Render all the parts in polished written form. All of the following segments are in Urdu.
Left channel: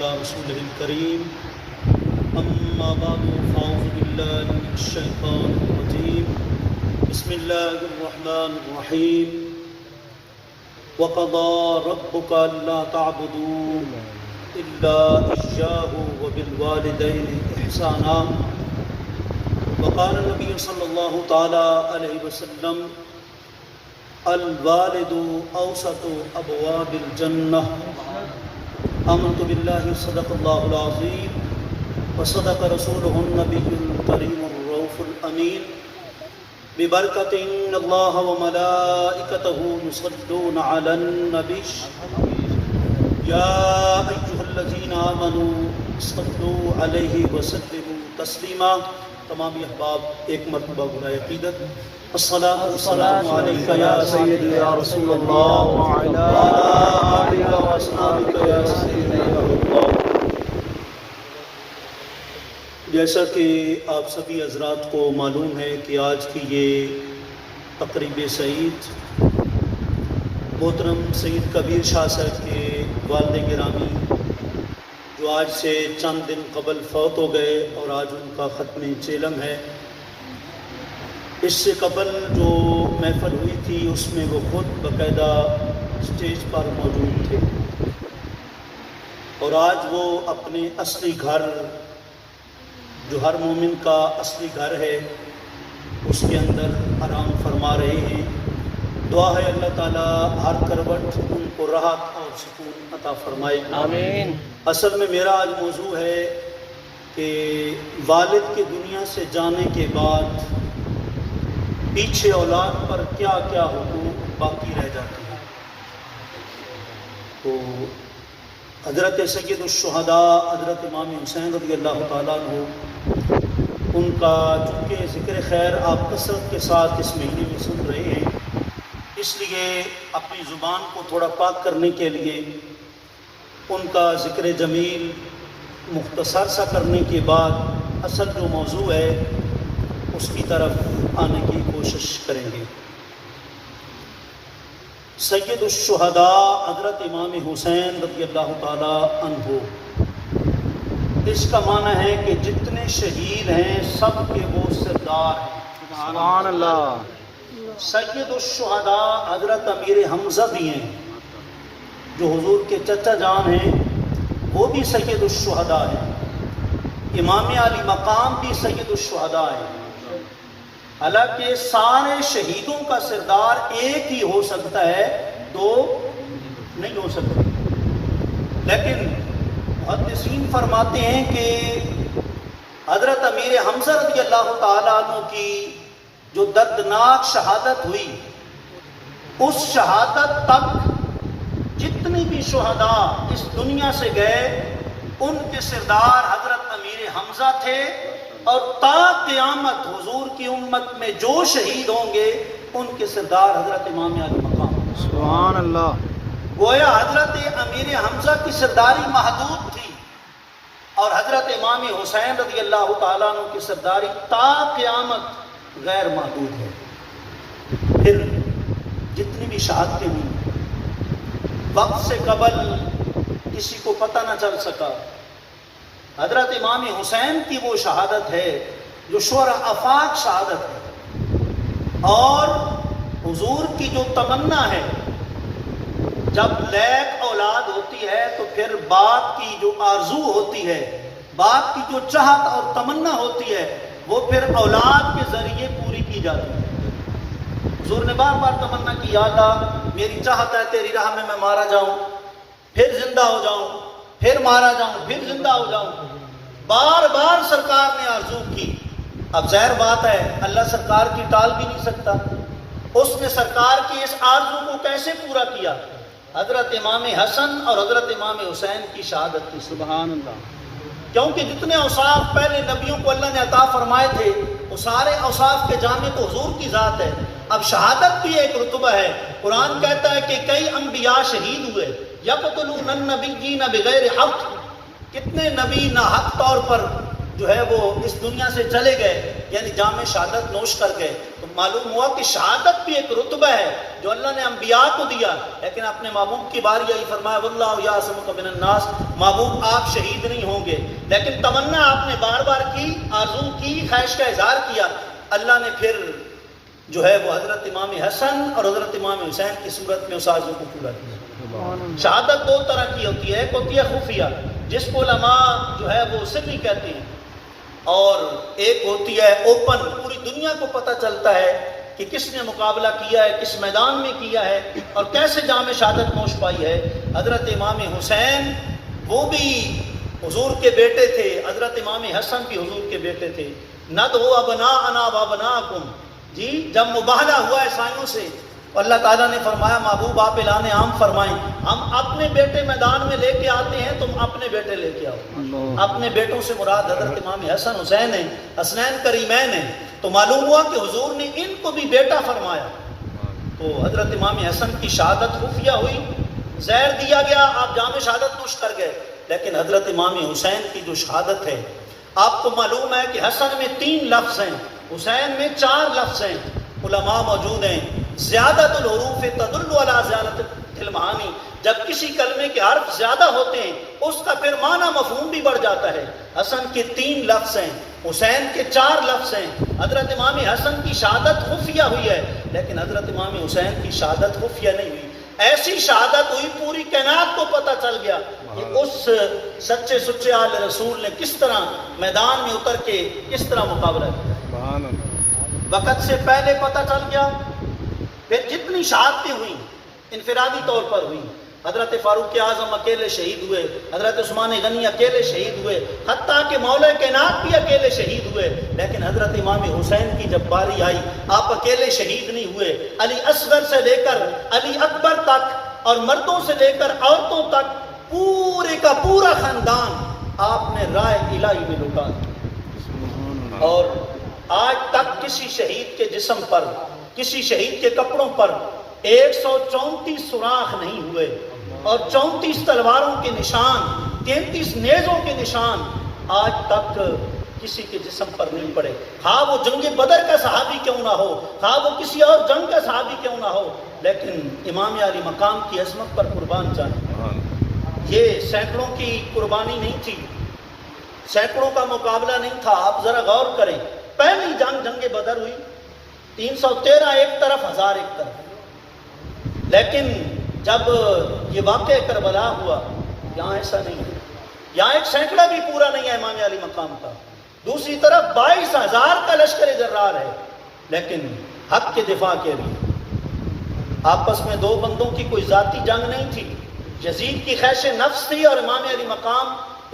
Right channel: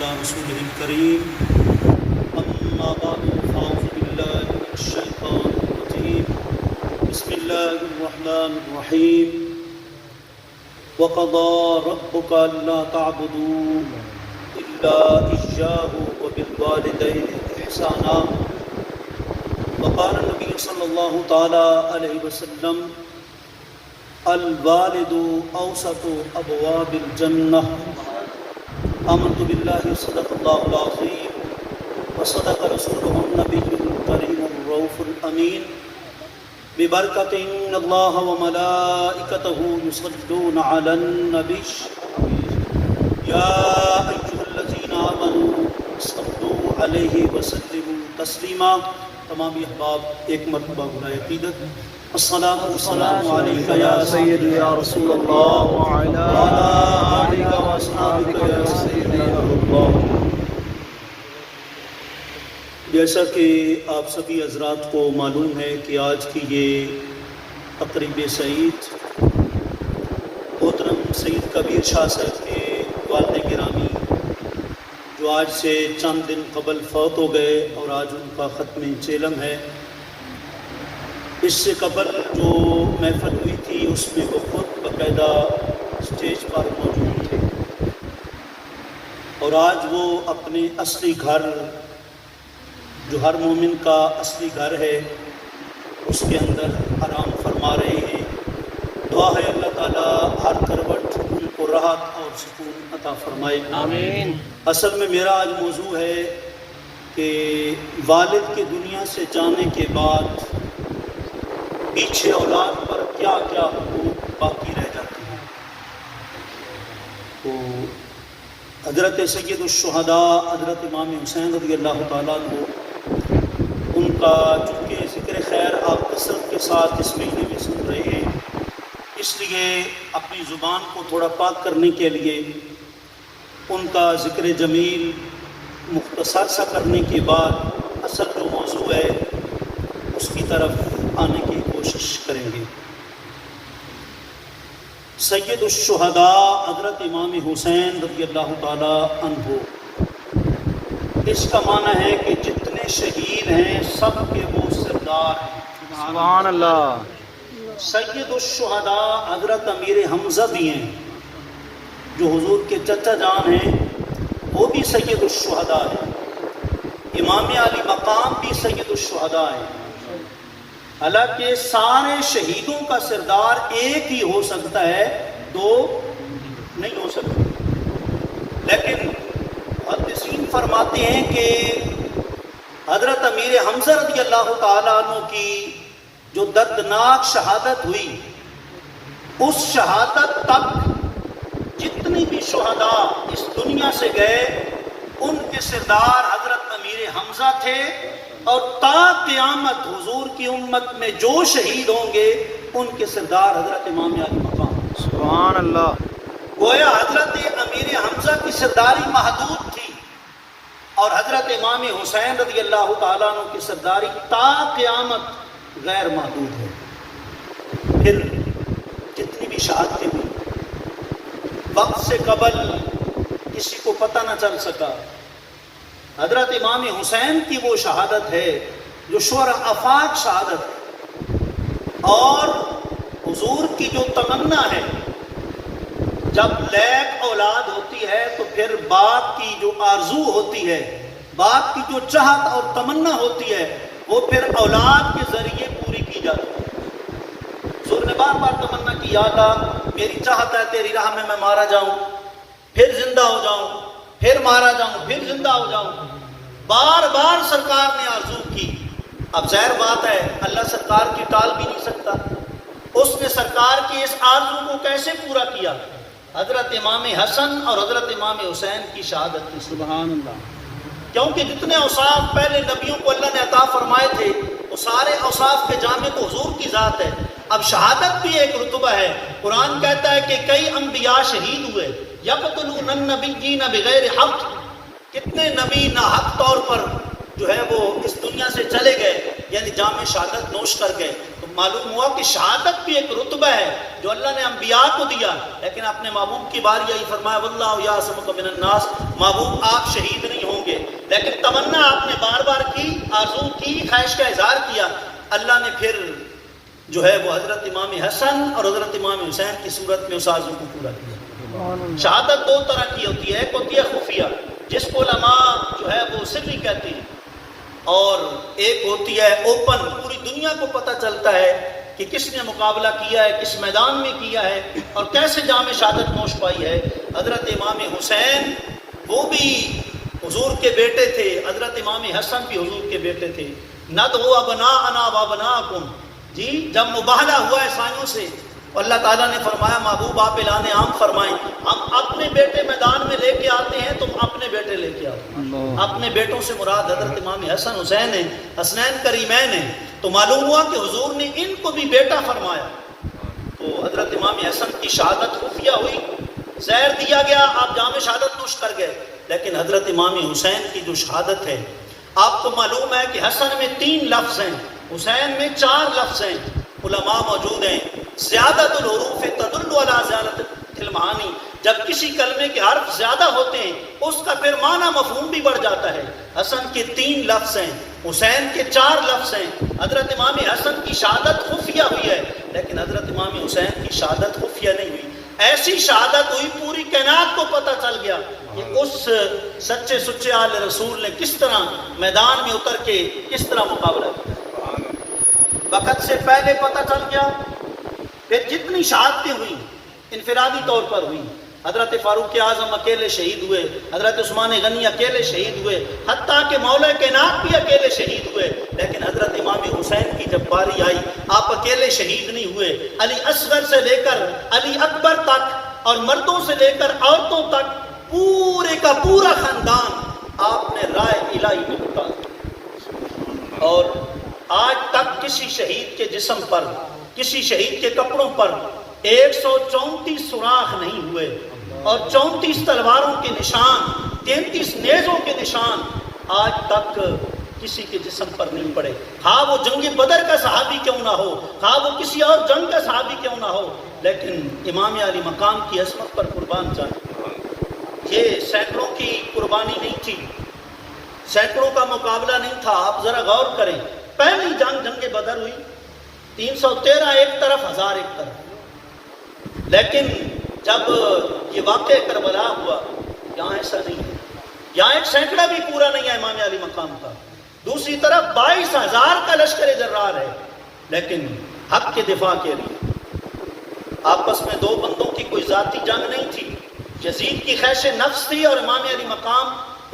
على رسوله الكريم أما بعد فأعوذ بالله من الشيطان الرجيم بسم الله الرحمن الرحيم وقضى ربك ألا تعبدوا إلا إياه وبالوالدين إحسانا وقال النبي صلى الله تعالى عليه وسلم الوالد اوسط ابواب الجنہ آمنت باللہ صدق اللہ العظیم وصدق رسولہ النبی الکریم الرؤوف الامین ببرکۃ ان اللہ وملائکتہ یصلون علی النبی یا ایھا الذین آمنوا صلوا علیہ وسلموا تسلیما۔ تمامی احباب ایک مرتبہ برائے عقیدت الصلاۃ والسلام علیک یا سیدی یا رسول اللہ وعلی آلک و اصحابک یا سیدی یا اللہ۔ جیسا کہ آپ سبھی حضرات کو معلوم ہے کہ آج کی یہ تقریب سعید محترم سید کبیر شاہ صاحب کے والد گرامی جو آج سے چند دن قبل فوت ہو گئے اور آج ان کا ختم چیلم ہے، اس سے قبل جو محفل ہوئی تھی اس میں وہ خود باقاعدہ اسٹیج پر موجود تھے اور آج وہ اپنے اصلی گھر جو ہر مومن کا اصلی گھر ہے اس کے اندر آرام فرما رہے ہیں۔ دعا ہے اللہ تعالیٰ ہر کروٹ ان کو راحت اور سکون عطا فرمائے، آمین۔ اصل میں میرا آج موضوع ہے کہ والد کی دنیا سے جانے کے بعد پیچھے اولاد پر کیا کیا حقوق باقی رہ جاتے ہیں۔ تو حضرت سید الشہداء حضرت امام حسین رضی اللہ تعالیٰ عنہ، ان کا چونکہ ذکر خیر آپ کثرت کے ساتھ اس مہینے میں سن رہے ہیں، اس لیے اپنی زبان کو تھوڑا پاک کرنے کے لیے ان کا ذکر جمیل مختصر سا کرنے کے بعد اصل جو موضوع ہے اس کی طرف آنے کی کوشش کریں گے۔ سید الشہداء حضرت امام حسین رضی اللہ تعالی عنہ، اس کا معنی ہے کہ جتنے شہید ہیں سب کے وہ سردار ہیں، سبحان اللہ۔ سید الشہداء حضرت امیر حمزہ بھی ہیں جو حضور کے چچا جان ہیں، وہ بھی سید الشہداء ہیں۔ امام علی مقام بھی سید الشہداء ہیں۔ حالانکہ سارے شہیدوں کا سردار ایک ہی ہو سکتا ہے، دو نہیں ہو سکتے، لیکن محدثین فرماتے ہیں کہ حضرت امیر حمزہ رضی اللہ تعالیٰ عنہ کی جو دردناک شہادت ہوئی، اس شہادت تک جتنے بھی شہداء اس دنیا سے گئے ان کے سردار حضرت امیر حمزہ تھے، اور تا قیامت حضور کی امت میں جو شہید ہوں گے ان کے سردار حضرت امام علی مقام، سبحان اللہ۔ گویا حضرت امیر حمزہ کی سرداری محدود تھی اور حضرت امام حسین رضی اللہ تعالیٰ عنہ کی سرداری تا قیامت غیر محدود ہے۔ پھر جتنی بھی شہادتیں ہوئی وقت سے قبل کسی کو پتہ نہ چل سکا، حضرت امام حسین کی وہ شہادت ہے جو شورا آفاق شہادت ہے، اور حضور کی جو تمنا ہے، جب لیک اولاد ہوتی ہے تو پھر باپ کی جو آرزو ہوتی ہے، باپ کی جو چاہت اور تمنا ہوتی ہے، وہ پھر اولاد کے ذریعے پوری کی جاتی ہے۔ حضور نے بار بار تمنا کی، یا اللہ میری چاہت ہے تیری راہ میں مارا جاؤں، پھر زندہ ہو جاؤں، پھر مارا جاؤں، پھر زندہ ہو جاؤں۔ بار بار سرکار نے آرزو کی۔ اب ظاہر بات ہے اللہ سرکار کی ٹال بھی نہیں سکتا، اس نے سرکار کی اس آرزو کو کیسے پورا کیا؟ حضرت امام حسن اور حضرت امام حسین کی شہادت کی، سبحان اللہ۔ کیونکہ جتنے اوصاف پہلے نبیوں کو اللہ نے عطا فرمائے تھے وہ سارے اوصاف کے جامع تو حضور کی ذات ہے۔ اب شہادت بھی ایک رتبہ ہے۔ قرآن کہتا ہے کہ کئی انبیاء شہید ہوئے، یقتلون النبیین بغیر حق، کتنے نبی ناحق طور پر جو ہے وہ اس دنیا سے چلے گئے، یعنی جام شہادت نوش کر گئے، تو معلوم ہوا کہ شہادت بھی ایک رتبہ ہے جو اللہ نے انبیاء کو دیا، لیکن اپنے محبوب کی باری آئی، فرمایا واللہ یعصمک من الناس، محبوب آپ شہید نہیں ہوں گے، لیکن تمنا آپ نے بار بار کی، آرزو کی، خواہش کا اظہار کیا، اللہ نے پھر جو ہے وہ حضرت امام حسن اور حضرت امام حسین کی صورت میں اس آرزو کو پورا کیا۔ شہادت دو طرح کی ہوتی ہے، ایک ہوتی ہے خفیہ جس کو علماء جو ہے وہ سری کہتے ہیں، اور ایک ہوتی ہے اوپن، پوری دنیا کو پتہ چلتا ہے کہ کس نے مقابلہ کیا ہے، کس میدان میں کیا ہے اور کیسے جام شہادت نوش پائی ہے۔ حضرت امام حسین وہ بھی حضور کے بیٹے تھے، حضرت امام حسن بھی حضور کے بیٹے تھے۔ ندعو ابناءنا وابناءکم، جی جب مباہلہ ہوا عیسائیوں سے، اللہ تعالیٰ نے فرمایا محبوب آپ اعلان عام فرمائیں، ہم اپنے بیٹے میدان میں لے کے آتے ہیں، تم اپنے بیٹے لے کے آؤ۔ اپنے بیٹوں سے مراد حضرت امام حسن حسین ہیں، حسنین کریمین ہیں، تو معلوم ہوا کہ حضور نے ان کو بھی بیٹا فرمایا۔ تو حضرت امام حسن کی شہادت خفیہ ہوئی، زہر دیا گیا، آپ جام شہادت نوش کر گئے، لیکن حضرت امام حسین کی جو شہادت ہے، آپ کو معلوم ہے کہ حسن میں 3 لفظ ہیں، حسین میں 4 لفظ ہیں، علماء موجود ہیں، زیادت الحروف تدل علی زیادت المعانی، جب کسی کلمے کے حرف زیادہ ہوتے ہیں اس کا پھر معنی مفہوم بھی بڑھ جاتا ہے۔ حسن کے 3 لفظ ہیں، حسین کے 4 لفظ ہیں۔ حضرت امام حسن کی شہادت خفیہ ہوئی ہے، لیکن حضرت امام حسین کی شہادت خفیہ نہیں ہوئی، ایسی شہادت ہوئی پوری کائنات کو پتہ چل گیا کہ اس سچے سچے آل رسول نے کس طرح میدان میں اتر کے کس طرح مقابلہ کیا۔ وقت سے پہلے پتہ چل گیا، پھر جتنی شہادتیں ہوئی انفرادی طور پر ہوئی، حضرت فاروق اعظم اکیلے شہید ہوئے، حضرت عثمان غنی اکیلے شہید ہوئے، حتیٰ کہ مولا کائنات بھی اکیلے شہید ہوئے، لیکن حضرت امام حسین کی جب باری آئی آپ اکیلے شہید نہیں ہوئے، علی اصغر سے لے کر علی اکبر تک اور مردوں سے لے کر عورتوں تک پورے کا پورا خاندان آپ نے رائے الہی میں لٹا دیا، اور آج تک کسی شہید کے جسم پر، کسی شہید کے کپڑوں پر 134 سوراخ نہیں ہوئے، اور 34 تلواروں کے نشان، 33 نیزوں کے نشان آج تک کسی کے جسم پر نہیں پڑے، ہاں وہ جنگ بدر کا صحابی کیوں نہ ہو، ہاں وہ کسی اور جنگ کا صحابی کیوں نہ ہو، لیکن امام علی مقام کی عظمت پر قربان جائے۔ یہ سینکڑوں کی قربانی نہیں تھی، سینکڑوں کا مقابلہ نہیں تھا، آپ ذرا غور کریں، پہلی جنگ بدر ہوئی، 313 ایک طرف، 1000 ایک طرف، لیکن جب یہ واقعہ کربلا ہوا یہاں ایسا نہیں ہے، یہاں ایک سینکڑا بھی پورا نہیں ہے امام علی مقام کا، دوسری طرف 22,000 کا لشکر جرار ہے، لیکن حق کے دفاع کے لیے آپس میں 2 بندوں کی کوئی ذاتی جنگ نہیں تھی، یزید کی خواہش نفس تھی اور امام علی مقام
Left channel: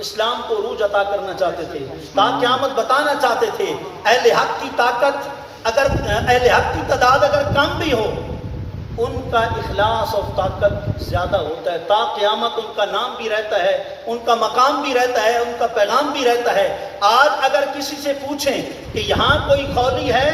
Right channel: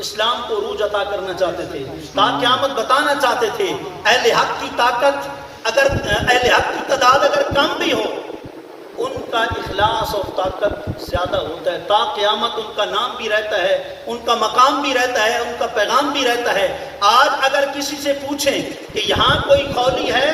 اسلام کو عروج عطا کرنا چاہتے تھے، تا قیامت بتانا چاہتے تھے، اہل حق کی طاقت اگر، اہل حق کی تعداد اگر کم بھی ہو، ان کا اخلاص اور طاقت زیادہ ہوتا ہے، تا قیامت ان کا نام بھی رہتا ہے، ان کا مقام بھی رہتا ہے، ان کا پیغام بھی رہتا ہے۔ آج اگر کسی سے پوچھیں کہ یہاں کوئی خولی ہے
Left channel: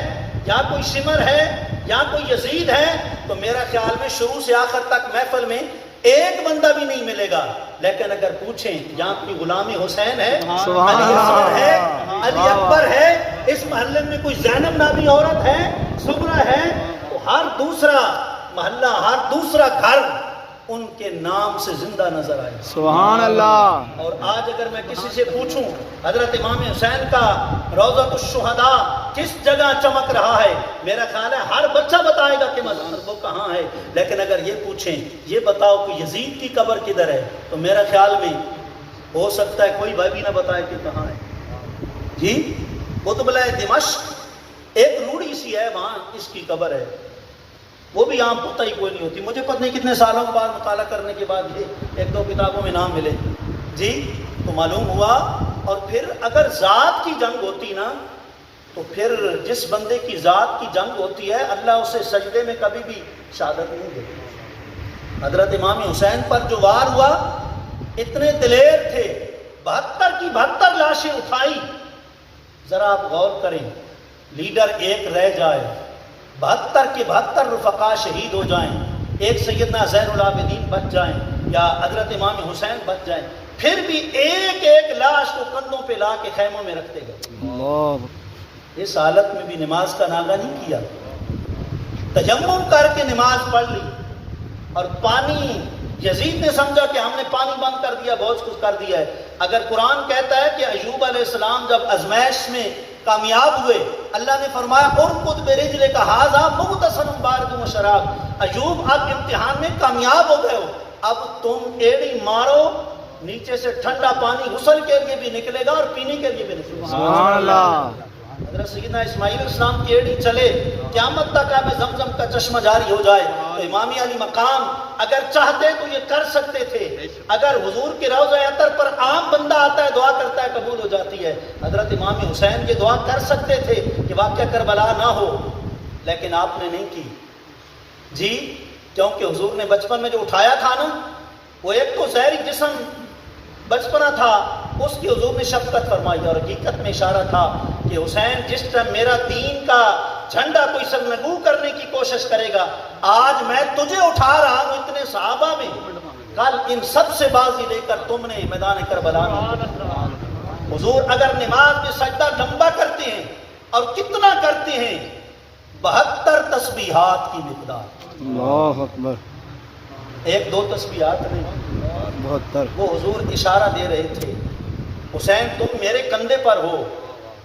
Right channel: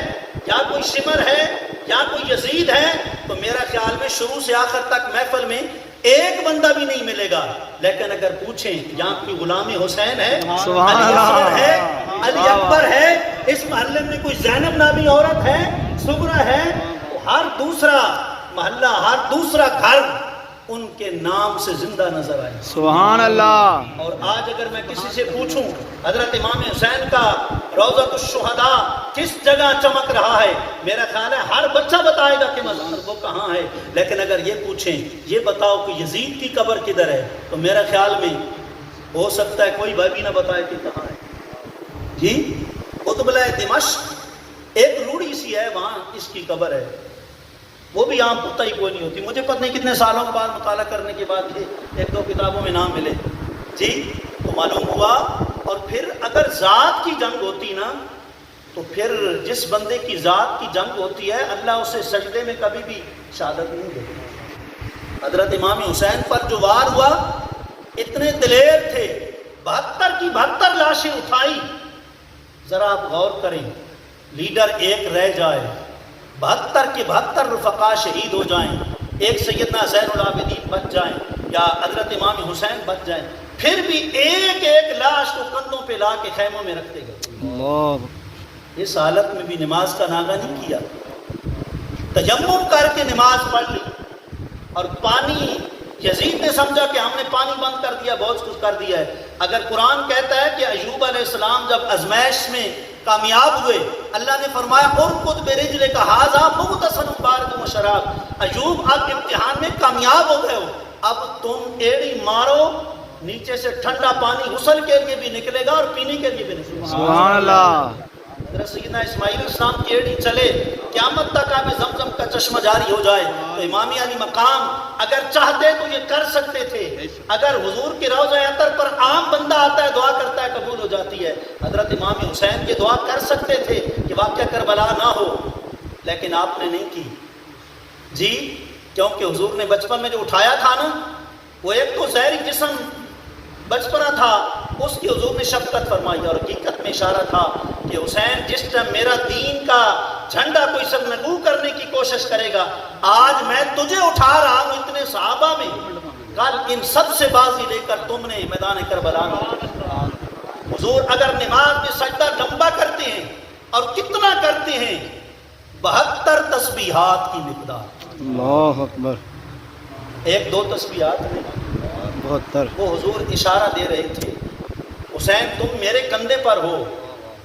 یا کوئی سمر ہے یا کوئی یزید ہے، تو میرا خیال میں شروع سے آخر تک محفل میں ایک بندہ بھی نہیں ملے گا، لیکن اگر پوچھیں یہاں کوئی غلام حسین ہے، سبحان اللہ ہے، علی اکبر ہے، اس محلے میں کوئی زینب نامی عورت ہے، سغرا ہے، تو ہر دوسرا محلہ، ہر دوسرا گھر ان کے نام سے زندہ نظر آئے۔ سبحان اللہ۔ اور آج اگر میں کسی سے پوچھوں حضرت امام حسین کا روضۃ الشہداء کس جگہ چمک رہا ہے، میرا خیال ہے ہر بچہ بتائے گا کہ مظہر وہ کہاں ہے، لیکن اگر یہ پوچھیں یہ بتاؤ کہ یزید کی قبر کدھر ہے، تو میرا خیال میں ہو سکتا ہے کوئی بھائی بھی نہ بتائے کہ کہاں ہے۔ جی قطبلہ دمشق ایک روڑی سی ہے، وہاں اس کی قبر ہے، وہ بھی عام پتہ ہی کوئی نہیں ہوتی، مجھے پتہ نہیں کتنے سالوں بعد مطالعہ کرنے کے بعد یہ 1-2 کتابوں میں نام ملے، جی تو معلوم ہوا۔ اور پھر اگر ذات کی جنگ ہوتی نا، تو پھر جس بندے کی ذات کی جنگ ہوتی ہے اللہ اسے سجدے میں کبھی بھی شہادت نہیں دیتا۔ حضرت امام حسین پر جو وار ہوا، اتنے دلیر تھے، 72 کی 72 لاشیں اٹھائی، ذرا آپ غور کریں، لیڈر ایک رہ جائے، 72 کے 72 رفقا شہید ہو جائیں، ایک سیدنا زین العابدین بچ جائیں یا حضرت امام حسین بچ جائیں، پھر بھی ایک ایک لاش کو کندھوں پہ لا کے خیموں میں رکھتے گئے. اللہ اس حالت میں بھی نماز کا ناغہ نہیں کیا، تیمم کر کے نماز پڑھ لی. اور پانی یزید نے سمجھا کہ ہم نے پانی بند کر دیا، بہت کچھ کر دیا ہے. اگر قرآن کہتا ہے کہ ایوب علیہ السلام جب آزمائش میں کامیاب ہوئے، اللہ نے فرمایا ارکض برجلک ھذا مغتسل بارد وشراب، ایوب آپ امتحان میں کامیاب ہو گئے ہو، اب تم ایڑی مارو، نیچے سے ٹھنڈا پانی غسل کے لیے بھی نکلے گا اور پینے کے لیے بھی نکلے گا. سبحان اللہ. اگر سیدنا اسماعیل علیہ السلام کی ایڑی چلے، قیامت تک آب زمزم کا چشمہ جاری ہو جائے، تو امام علی مقام اگر چاہتے تو یہ کر سکتے تھے. اگر حضور کے روضہ اطہر پر عام بندہ آتا ہے، دعا کرتا ہے، قبول ہو جاتی ہے. حضرت امام حسین یہ دعا کر سکتے تھے کہ واقعہ کربلا نہ ہو، لیکن آپ نے نہیں کی. جی کیونکہ حضور نے بچپن میں جو اٹھایا تھا نا، وہ ایک تو ظاہری جسم بچپنا تھا، اس کی حضور نے شفقت فرمائی، اور حقیقت میں اشارہ تھا کہ حسین جس ٹائم میرا دین کا جھنڈا کوئی سرنگو کرنے کی کوشش کرے گا، آج میں تجھے اٹھا رہا ہوں اتنے صحابہ میں، کل ان سب سے بازی لے کر تم نے میدان کربلا میں. حضور اگر نماز میں سجدہ لمبا کرتے ہیں، اور کتنا کرتے ہیں، 72 تسبیحات کی مقدار. اللہ اکبر. ایک دو تسبیحات نہیں، 72. وہ حضور اشارہ دے رہے تھے، حسین تم میرے کندھے پر ہو،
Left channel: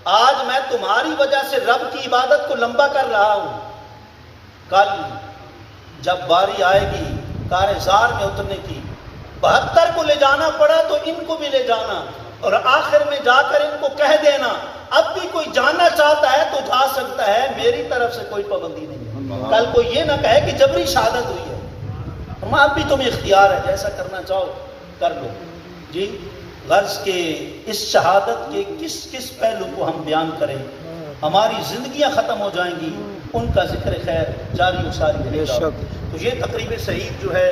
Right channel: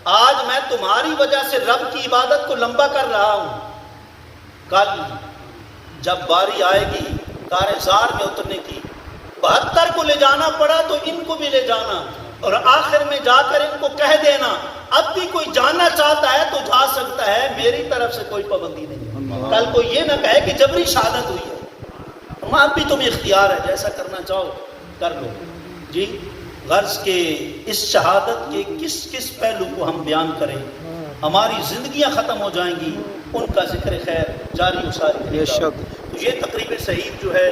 آج میں تمہاری وجہ سے رب کی عبادت کو لمبا کر رہا ہوں، کل جب باری آئے گی کارزار میں اترنے کی، 72 کو لے جانا پڑا تو ان کو بھی لے جانا، اور آخر میں جا کر ان کو کہہ دینا اب بھی کوئی جانا چاہتا ہے تو جا سکتا ہے، میری طرف سے کوئی پابندی نہیں. کل کو یہ نہ کہے کہ جبری شہادت ہوئی ہے. اب بھی تمہیں اختیار ہے، جیسا کرنا چاہو کر لو. جی غرض کے اس شہادت کے کس کس پہلو کو ہم بیان کریں، ہماری زندگیاں ختم ہو جائیں گی، ان کا ذکر خیر جاری و ساری. بے شک. تو یہ تقریب صحیح جو ہے